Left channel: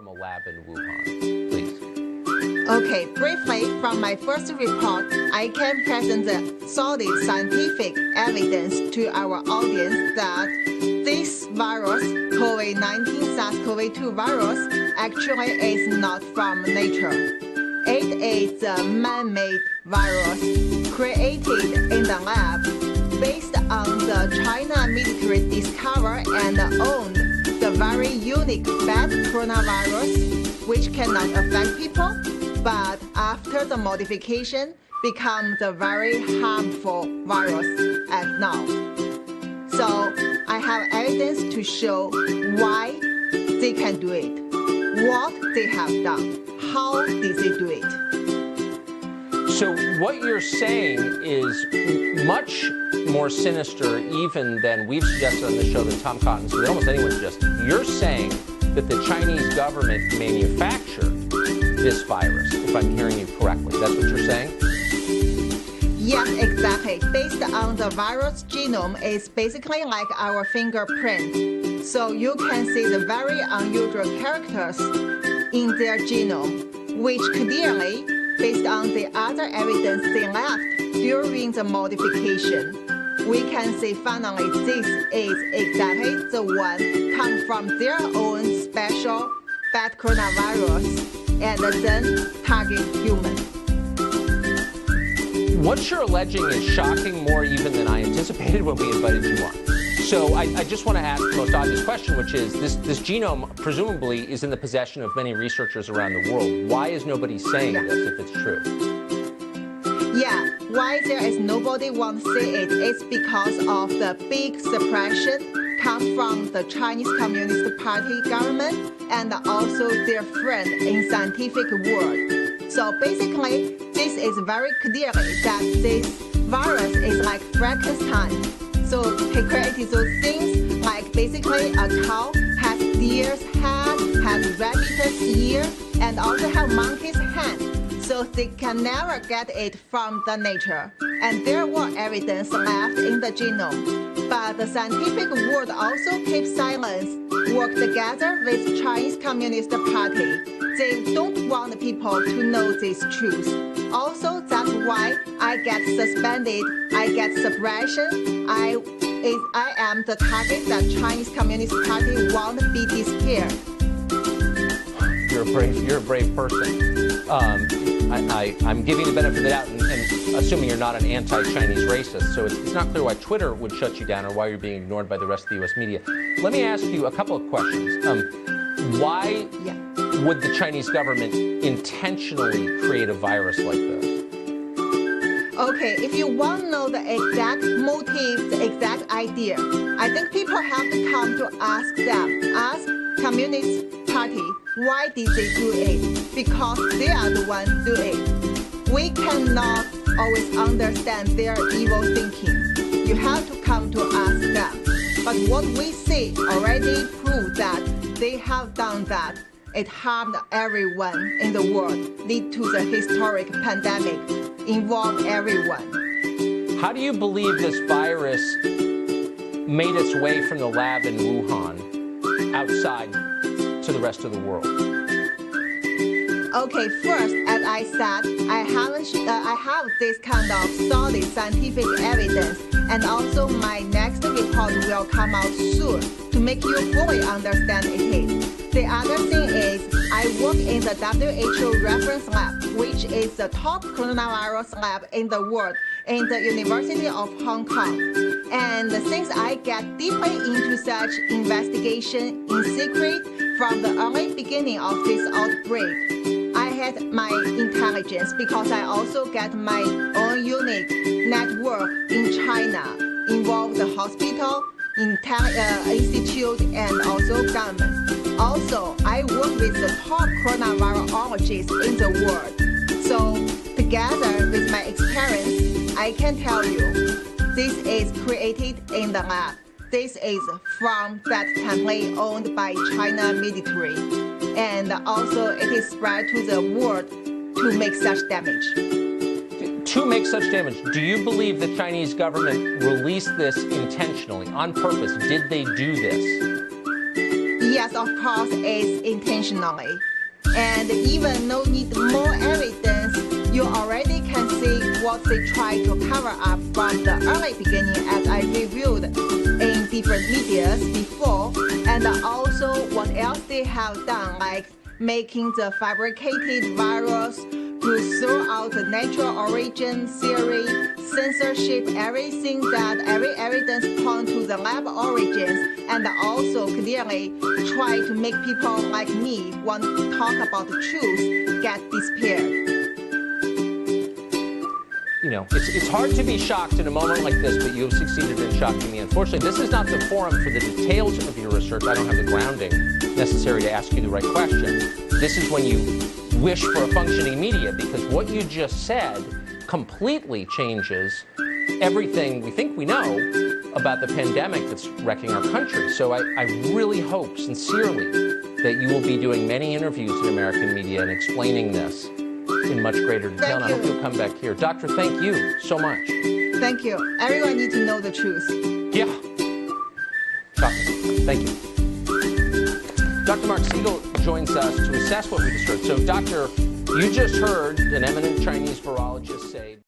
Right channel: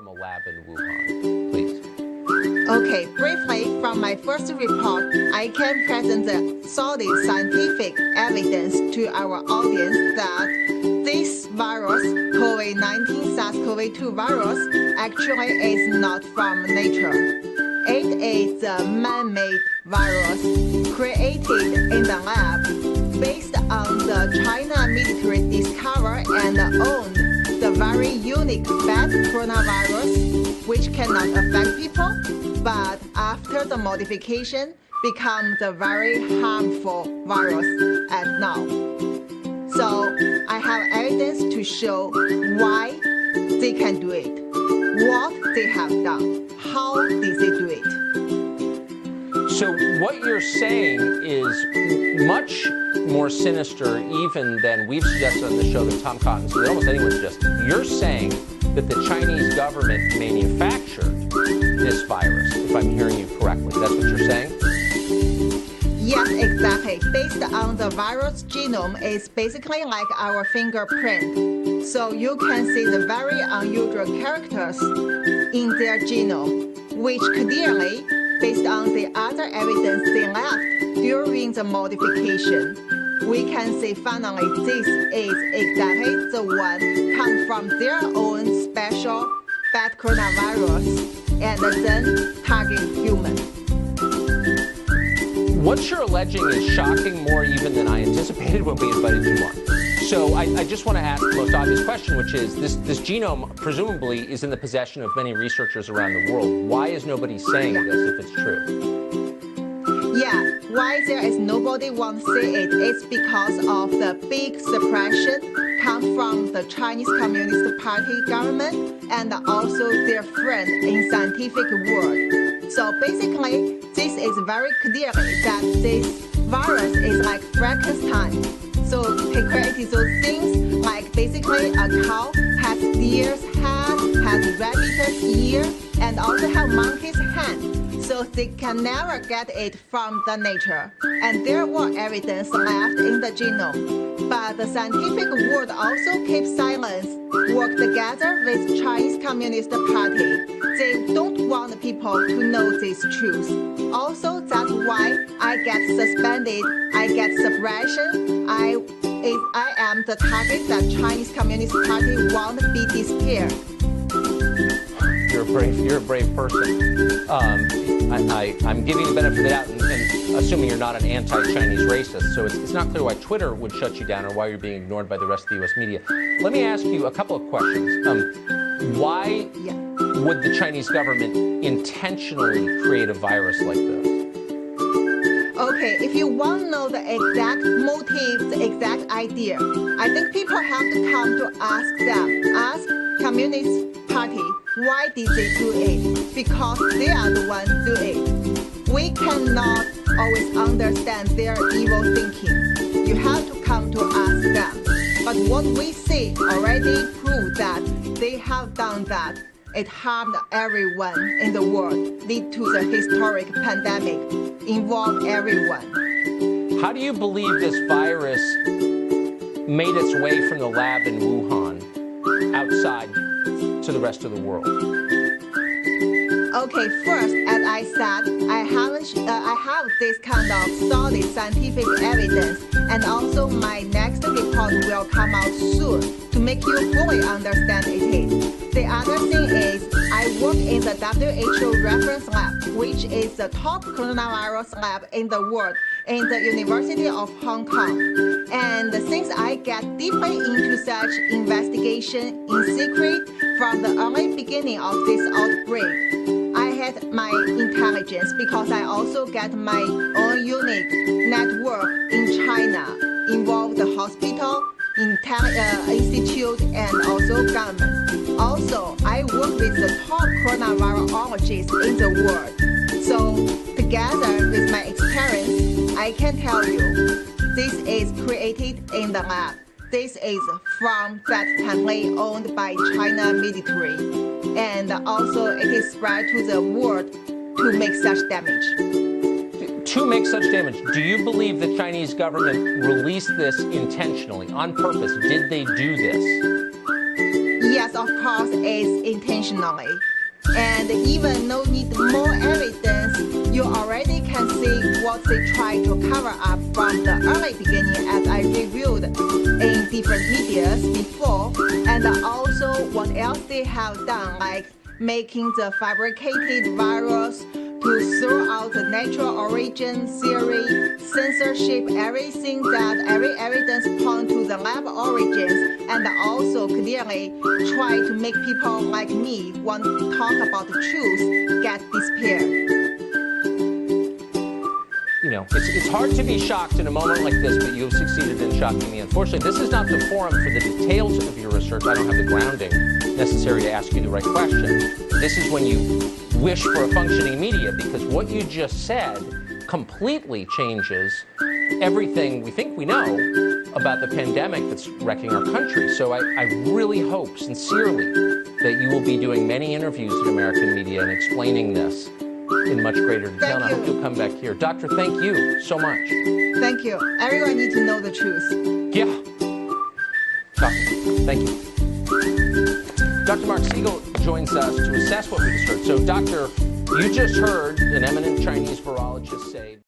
from a lab in Wuhan? Please. Okay, briefly, from my first report, I can present the solid scientific evidence to our audience that this virus, COVID-19 SARS-CoV-2 virus, actually is not from nature. It is a man-made virus created in the lab based on the China military discovered and owned the very unique bat coronavirus, which cannot affect people, but after the modification, become the very harmful virus as now. So I have evidence to show why they can do it, what they have done, how did they do it. So what you're saying is much more sinister even than we've suggested on this show, than Tom Cotton's, than almost anyone suggested. You're saying that the Chinese government manufactured this virus, if I'm hearing you correctly. That's what you're saying? Yes, exactly. Based on the virus genome, it's basically like our fingerprint. So you can see the very unusual characters in their genome, which clearly, based on the other evidence they left during the modification, we can say finally this is exactly the one come from their own special bat coronavirus and then target human. What you're alleging is shocking more even than I anticipated when we invited you on. So I just want to ask the most obvious question, which is this genome presumably is in the possession of many researchers around the world. Why is nobody saying this if it's true? Yeah, why there is nobody want to say it is because of the big suppression come from the Chinese Communist Party government and also their friend in scientific world. So basically, this is very clearly that this virus is like Frankenstein. So he created those things like basically a cow has deer's head, has rabbit's ear, and also have monkey's hand. So they can never get it from the nature. And there were evidence left in the genome. But the scientific world also keeps silence, work together with Chinese Communist Party. They don't want people to know this truth. Also, that's why I get suspended, I get suppression. I am the target that Chinese Communist Party want to be disappeared. You're a brave person. I'm giving you the benefit of the doubt and assuming you're not an anti-Chinese racist, so it's not clear why Twitter would shut you down or why you're being ignored by the rest of the U.S. media. Let me ask you a couple of questions. Why would the Chinese government intentionally create a virus like this? Okay, if you want to know the exact motive, the exact idea, I think people have to come to ask them, ask Communist Party, why did they do it? Because they are the ones do it. We cannot always understand their evil thinking. You have to come to ask them. But what we see already proves that they have done that. It harmed everyone in the world, lead to the historic pandemic, involve everyone. How do you believe this virus made its way from the lab in Wuhan outside to the rest of the world? Okay, first, as I said, I have this kind of solid scientific evidence, and also my next report will come out soon to make you fully understand it. The other thing is, I work in the WHO reference lab, which is the top coronavirus lab in the world, in the University of Hong Kong. And since I get deeply into such investigation in secret from the early beginning of this outbreak, I had my intelligence because I also get my own unique network in China, involve the hospital, institute, and also government. Also, I work with the top coronavirologists in the world. So together with my experience, I can tell you, this is created in the lab. This is from that template owned by China military. And also it is spread to the world to make such damage. To make such damage, do you believe the Chinese government released this intentionally, on purpose? Did they do this? Yes, of course, it's intentionally. And even no need more evidence, you already can see what they try to cover up from the early beginning, as I reviewed in different medias before, and also what else they have done, like making the fabricated virus to throw out the natural origin theory, censorship, everything that every evidence point to the lab origins, and also clearly try to make people like me want to talk about the truth get disappeared. You know, it's hard to be shocked in a moment like this, but you have succeeded in shocking me. Unfortunately, this is not the forum for the details of your research. I don't have the grounding necessary to ask you the right question. This is when you wish for a functioning media, because what you just said completely changes everything we think we know about the pandemic that's wrecking our country. So I really hope, sincerely, that you will be doing many interviews in American media and explaining this in much greater detail. And I hope you'll come back here. Doctor, thank you so much. Thank you. Everyone needs to know the truth. Yeah. Shocking. Thank you. Dr. Mark Siegel joins us to assess what we just heard. So, Doctor, you just heard an eminent Chinese virologist say